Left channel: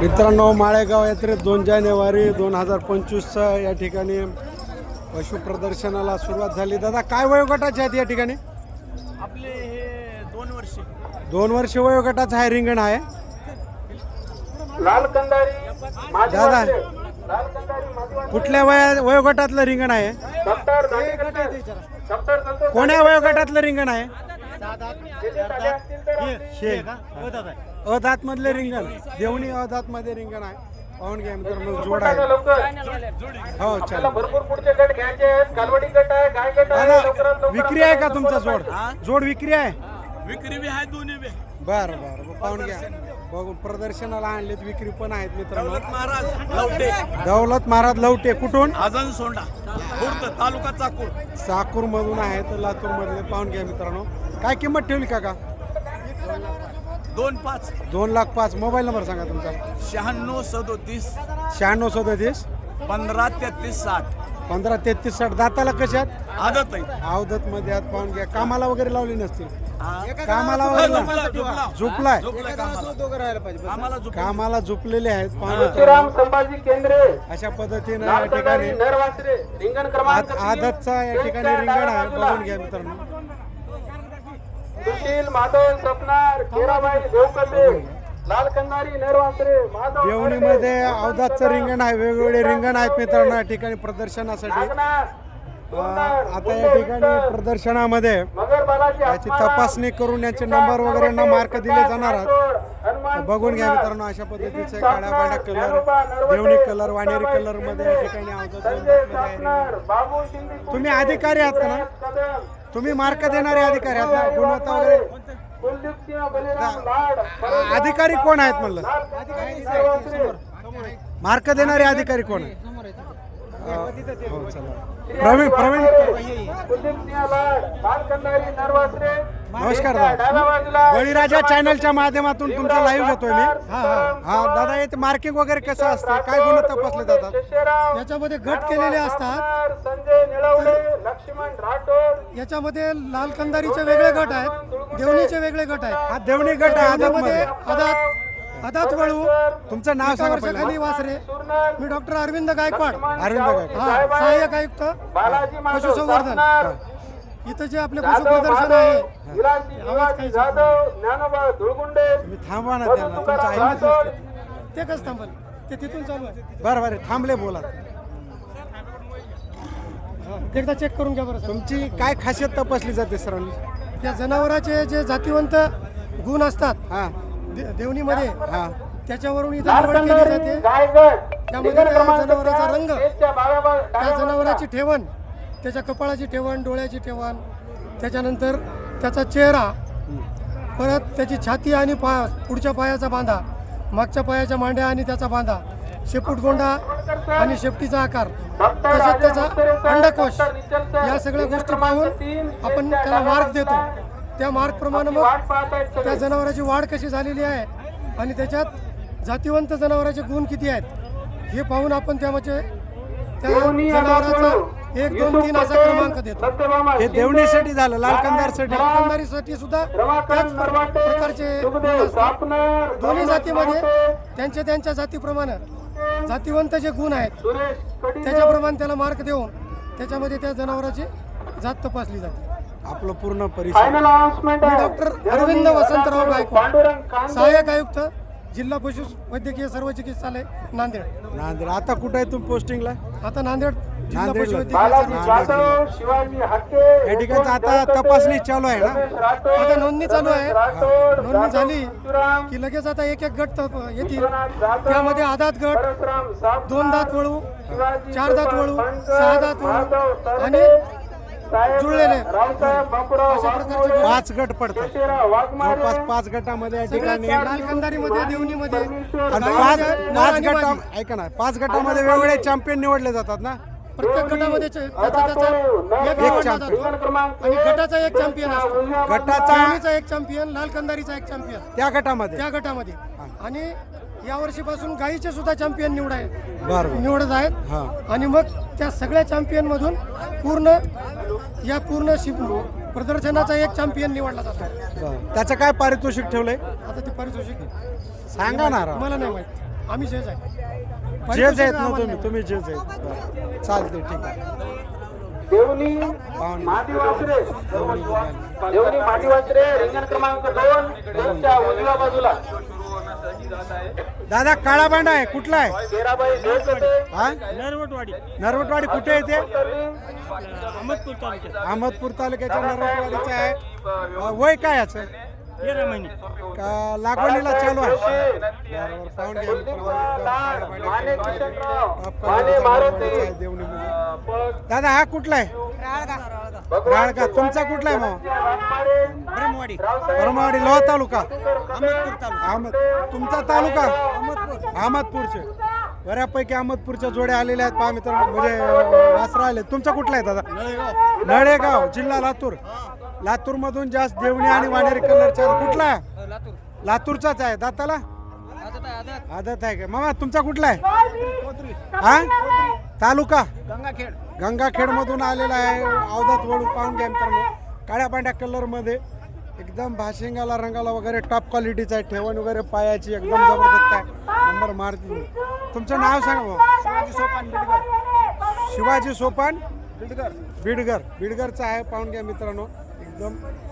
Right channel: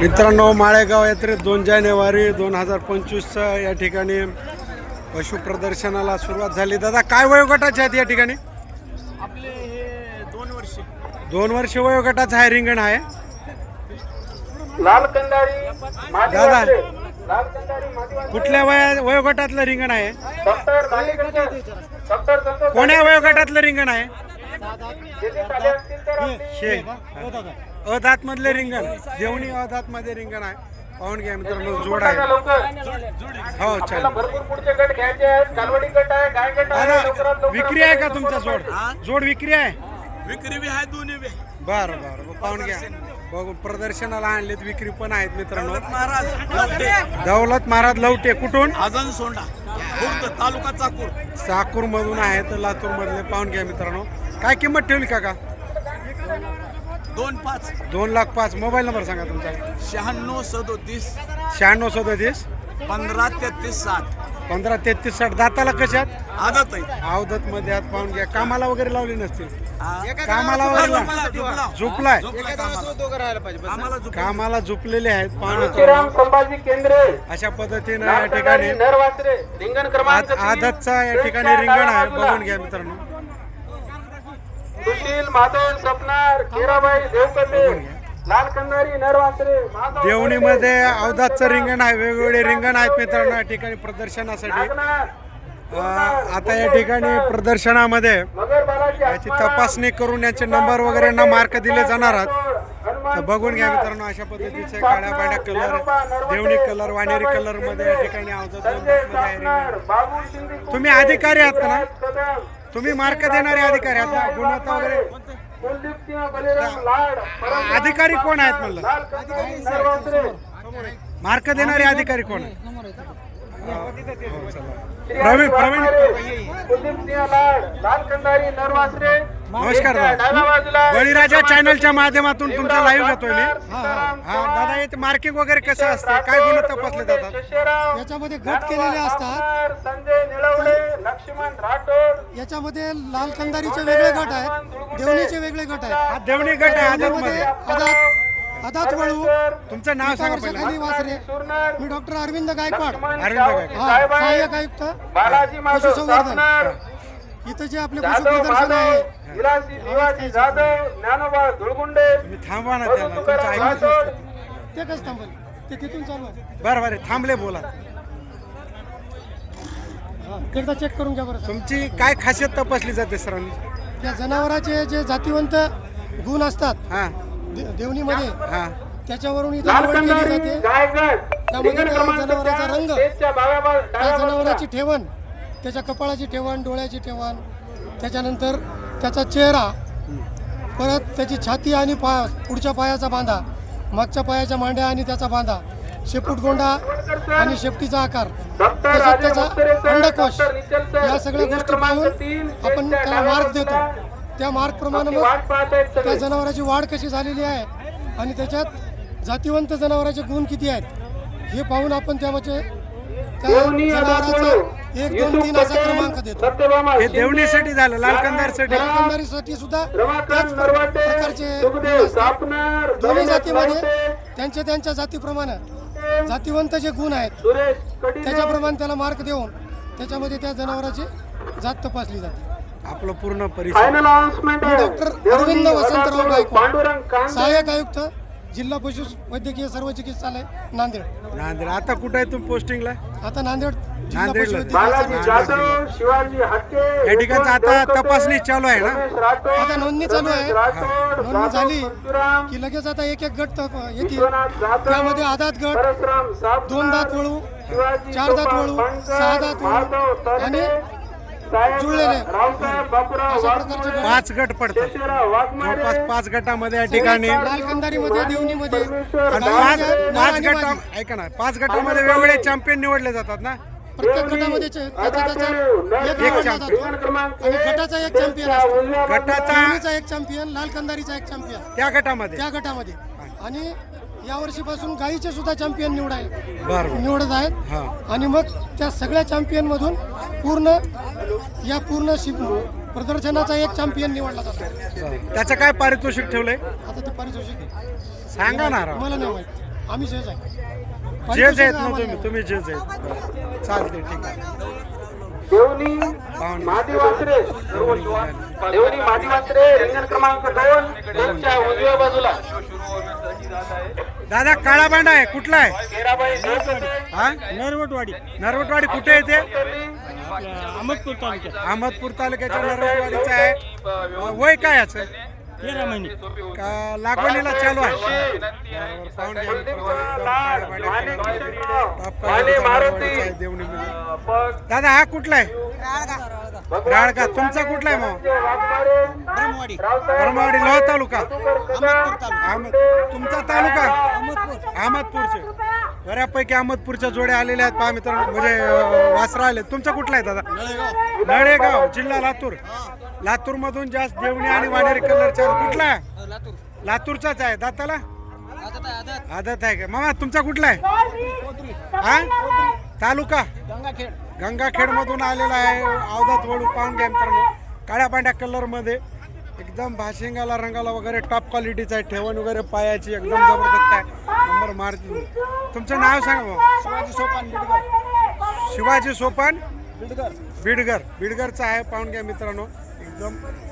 मित्रांनो माळेगाव यात्रेत दोन जानेवारी दोन हजार पंचवीसचा या ठिकाणी पशु प्रदर्शनाला सुरुवात झाली. दादा काय वयोगटाचे आहेत या ठिकाणी? आपले हे दोन वर्ष. दोन वर्ष वयोगटाचं आहे रिंगण आहे. लाल कंदारी मादी दादा. कुठल्या वया वयोगटातलं रिंगण आहे? कोण्या वयोगटातलं रिंगण आहे? अदात मधले रिंगण. देवणी अदात मध्ये रिंगण आहे. पाहून घ्या मित्रांनो जोड आहे. हो चालेल. भरपूर पुढचे गट घ्यायचे आहेत. कालवडी गट आहे गाय गट आहे. लवकरात दादा लवकर विक्री आहे का तुमचा जोड? जोड विक्री आहे? विक्री बी आहे दोन्ही बी. बरं बरं पाहून घ्या. बघू प्रदर्शनाला आणलेत विक्री पण आहेत मित्रांनो. दौलत महाराज लवटे. कुठून? आजन सोंडा. तालुका चाकूर. साकूर मधून आहेत लातूर मधले पाहून घ्या मित्रांनो. काय किंमत ठेवली काका? दोन पाच. दोन लाख पाच. मोबाईल नंबर सांगा तुमचा. शहाण्णव सदोतीस. शहाण्णव सदतीस. पंधरा तेहतीस साठ. पंधरा तेहतीस साठ. दाताला कशात आदत आहे. अवधत मध्ये आत पाहून घ्या. कामाला वगैरे लावली नसतील. कामाला वगैरे ला- झोपला. झोपलाय. झोपला कामाला. आम्हाला झोप- कामाला झोपलेले आहेत. पाहून श्रीराम मित्रांनो संभाजी केंद्रे. अशा पद्धतीनं या ठिकाणी कंदारी नरवासरे रिंगण क्रमांक आद- आदतचा या ठिकाणी रिंगण आहे. बघून घ्या मित्रांनो. सुशील माधव सपनार देवणीमध्ये अवधातचं रिंगण आहे वेगवेगळे रिंगण आहेत मित्रांनो या ठिकाणी प्रदर्शनासाठी. आता या ठिकाणी प्रदर्शनामध्ये याची तपासणी करून याचे नंबर वगैरे यांना मार्क दिले जाणार आहेत. बघून घ्या मित्रांनो अशा पद्धतीचे काळ्या पांढऱ्या कलर देवणी कलर वानेरी कलरमध्ये या ठिकाणी अवधात तुम्ही अधिकारी आहात ना? तुम्ही मार्क देणारे अधिकारी आहात ना? गुणवत्ता वगैरे कुलदीप सिंह बलिराम लाड अधिकारी कोण आहेत म्हणलं? मार्क देणारे अधिकारी कोण हो. प्रवीण प्रवीण नमस्कार दादा. बळीराजा चॅनलच्या माध्यमातून तुमचा लाईव्ह घेतोय मी. हा दादा याचे मार्किंग वगैरे कसं असतं? काय गुण तपासले जातात? याच्यामध्ये गट केलेले असतात. संजय निळवडे लक्ष्मण राठोड. याच्यामध्ये लाल कंदारीचे वेगळे गट आहेत. देवणीचे वेगळे गट आहेत. हा देवणी गट आहे आदत अदात वळू. तुमचं नाव सांगा वासरे. मी डॉक्टर अरविंद गायकवाड. अरविंद हा सहाय्यक आयुक्त. पशुसंवर्धन. इथं जे आपले पशु जाधव प्रदर्शन माधव आहे. विलासी भिवाजी जाधव ज्ञानोबा धुळगुंडे तुम्ही थांबवा ना त्यांना तुमचं ऐकत नसतं ते कसं थांबल ते तिथून चालू आहे. बरं बरं थांबले बोला. हा, एकदा चेक करून घ्या बरं तुमची काय खासियत तपासली जाते सरांनी? या जनावराचे जे जातीवंत गुण असतात हा. दे- देवणीमध्ये हा. त्याच्यावरून इथं निवड केली जाते. त्यामध्ये त्या जनावराचा रंग, त्या जनावराची ठेवण त्याच्या कपाळाची ठेवण डोळ्याची ठेवण त्याच्यानंतर त्याचा चेहरा परत त्याची छाती आणि पा पुढच्या पायाचा बांधा मागच्या पायाच्या मांड्या आणि त्याचा बांधा शेपूट गोंडा आणि शेपटीचा आकार तसंच त्याचा अंडकोश या सगळ्या गोष्टी पाहून आपण त्याला मार्क देतो. त्या मार्क प्रमाणे मग त्या. जनावराची वाढ कशी झालेली आहे आणि त्याच्यात जातीवंत जनावराचे गुण किती आहेत हे पाहून आपण त्यामध्ये त्या जनावराचा एक दोन तीन असा क्रमांक देतो. हे देवणीसाठी झालं लाल कंदारसाठी लालकंदारीसाठी सुद्धा त्याच प्रकारचे दोन्ही जातीमध्ये त्यांच्या त्यांच्या जातीप्रमाणे जातीवंत जे गुण आहेत त्याच्याप्रमाणे त्याला मार्क देऊन त्याच्यामध्ये त्या जनावराची जात तपासली जाते. आपलं पूर्ण परिचय मी. डॉक्टर अरविंद वसंतराव गायकवाड. सहाय्यक आयुक्त जिल्हा पशु वैद्यकीय सर्व चिकित्सालय नांदेड. नांदेड. आता कुठं आहे तुम्ही पोस्टिंगला आता नांदेड नांदेडला. पशुवैद्यकीय बालाजी नांदेड जाधव शिवाजी हक्के या ठिकाणचं आता तपासणी चालू आहे ना आता नोंदणी चालू आहे. नोंदणी झाली. की लगेच आता एक एक गट येतील त्यामध्ये आदात गट दोन दात वळू शिवाजी चार दात वळू, सहा दात वळू आणि जुळलेले. पाच गट पडतात जवळपास पाच गटामध्ये या ठिकाणी लाल कंदारीमध्ये देवणीमध्ये पाच गटा मादी. ऐका ना पाच गटामध्ये वेगवेगळे चॅम्पियन निवडले जातात ना प्रत्येक गटामध्ये त्याचा एक. जातो आणि गटाचा एक चॅम्पियन असतो. गटाचा एक चॅम्पियन लाल कंदारीचा एक चॅम्पियन. त्या गटामध्ये. त्या गटामध्ये. आणि या वर्षीपासून गाईचे सुद्धा चॅम्पियन निवड आहे. निवडत आहेत. हा. आणि मग त्या सगळ्या चॅम्पियन मधून पूर्ण या पूर्ण प्रदर्शनाचा एक चॅम्पियन निवडला जातो. त्याचं काय पारितोषिक ठेवलंय? आता ते पारितोषिक सांगा ना. मला नाही माहीत. आम्ही जेज आहे. जेज आहेत ना तुम्ही. तुम्ही जेज आहेत. चालते ठीक आहे. वासरे. मादी वासरे रिंगण क्रमांक दोन त्यांच्या उजव्या बाजूला. दादा काळा बांडा आहे कुठला आहे? हा? नरवटवाडी. नरवटवाडी कुठे येते अहमदपूर तालुक्यात. अहमदपूर तालुक्याच्या नरवटवाडीचं आहे. वय काय याचं? तेरा महिने. का लागवणीला चालू आहे? बरोबर पाहून घ्या मित्रांनो, देवणीमध्ये दादा हा कुठला आहे? राळका तुमचा कुठला आहे मग? ब्रह्मवाडी. लोहा तालुका. अहमद तुमचा तालुका? अहमदपूरचे. बऱ्यापैकी अहमदपूरच्या जोड्या आलेल्या आहेत. पहा मित्रांनो म्हणजे वासरा आले तुमचा कुठला आहे दादा? नळेगाव. जिल्हा लातूर. लातूर मधून जास्त देवणी आणि वाणेरी कलरच्या कुठला? लातूरचाच आहे. दाताला? आदत आहे का? मामा तुमचा कुठला आहे? हा? तालुका? गंगाखेड. गंगाखेड मधून आलेला आहे. अवधात वळू पाहून घ्या मित्रांनो. काळ्या पांढऱ्या कलरमध्ये. एकदम भाशिंगाला रंगाला वगैरे टॉप क्वालिटीचा आहे. ठेवण वगैरे पायाची एकदम जबरदस्त आहे. नंबर मारते. तुमचं नाव सांगा भाऊ. शिवाजी सोपान बिडकर शिवाजी सोपान बिडकर बिडगर. बिडगरचा आहे. पाहून घ्या मित्रांनो. एकदम